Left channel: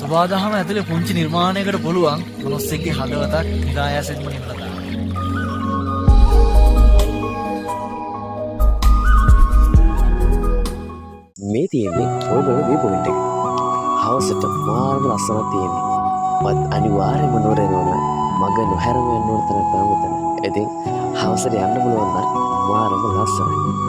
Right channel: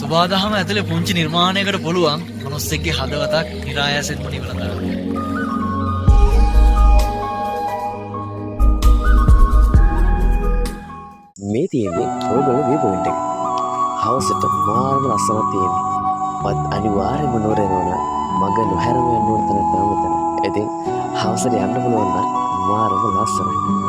සබාදහම ඇතුලේ පුංචි නිර්මාණයකට පුළුවන් මොනස්සෙක්ගේ හදවතක් නිරායාසයෙන්ම නිවන දාන්න. මේ තියෙන්නේ ඔයගොල්ලෝ මේ පොයින්ට් එක. හවසට මාර්ග ලස්සනක් තියෙන්නේ. මත් අනිවාර්යයෙන්ම නෝරේනෝන මග නොහැරම යන්න ඕන තැනක් තමයි මෙතන. ඉතින් හවසට යන්න පුළුවන් නම් මාර්ග ලස්සනයි.